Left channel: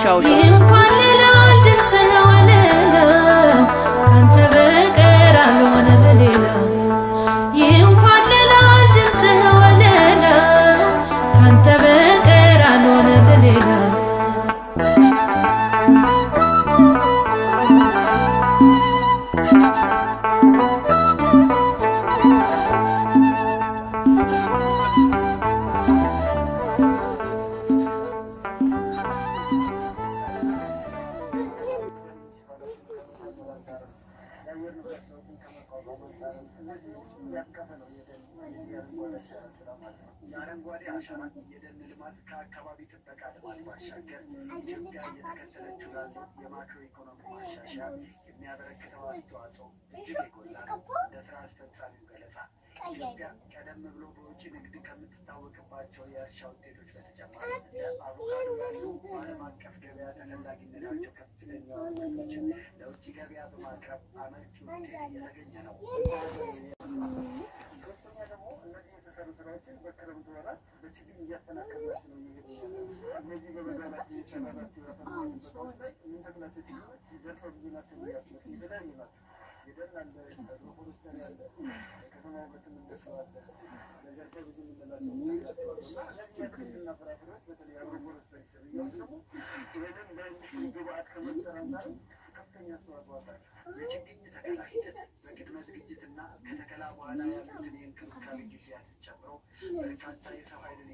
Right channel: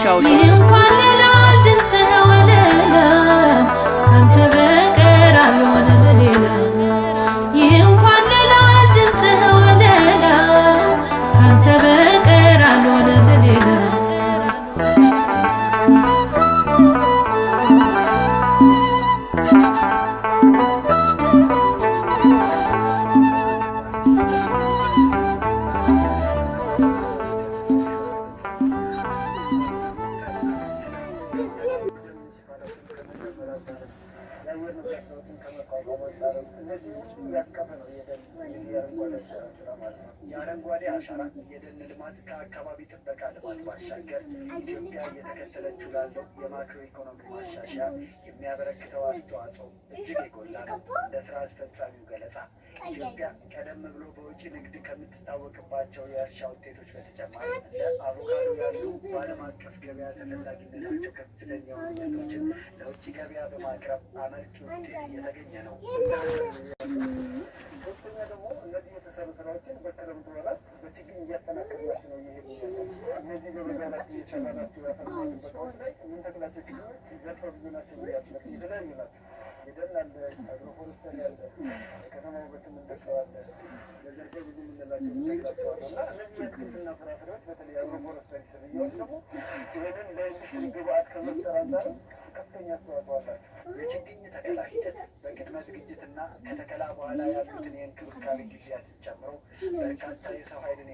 ቻው ቻው። እንኳን ሌላ ድምፅህ ወለላ ካንተ በቀር አልሆነ ለሌላ እንኳን ሌላ ድምፅህ ወለላ ካንተ በቀር አልሆነ ለሌላ የአረንጓዴ አሻራ የደን ልማት ከአካባቢ ጥበቃ ልማት ባሻገር ኢትዮጵያ እየተከተለችው ላለው የማክሮ ኢኮኖሚ ማሻሻያ የሚያበረክተው አስተዋጽኦ እጅግ የጎላ ነው። እንደ ስራ አስፈጻሚው ገለጻ ኢትዮጵያ ቀደም ብሎ በውጭ ንግድ ከምትታወቅባቸው የእርሻ ውጤቶች በተጨማሪ እንደ አቮካዶ ያሉ በዓለም አቀፍ ገበያ ተፈላጊነታቸው ከፍተኛ የሆኑ ምርቶችን ለውጭ ገበያ በማቅረብ አመርቂ ውጤት እየተገኘ ነው። ሶስተኛ ደግሞ እነዚህ የተሰሩ ስራዎችን በክረምቱ ወራት በችግኝ እያጠናከርናቸው ነው እየሄዱ እነዚህ በበጋላት እየሰራናቸው ያፈናቸው ቦታዎች ላይ የምንተክላቸው ችግኞች ዘርፈ ብዙ ናቸው። የተለያዩ ናቸው። የደን አለ፣ አግሮፎረስተሪ አለ፣ ከተማ ውበት የምንተክለዋለ፣ ዘርፈ ብዙ የምንላቸው እንተክላቸዋለ እና እነዚህ የአትክልትና ፍራፍሬዎች በተለይ አግሮፎረስተሪ ስርያዎች ደግሞ ይህንን ለኢንዱስትሪ ግብአት ከመፍጠር አንጻር ከፍተኛ አስተዋጽኦ አላቸው። የችግኝ ተከላ ሂደት በቅድመ ዝግጅትና ከተከላ በኋላ ያሉትን የእንክብካቤ ጊዜያትን ጨምሮ በርካታ የሰው ኃይልን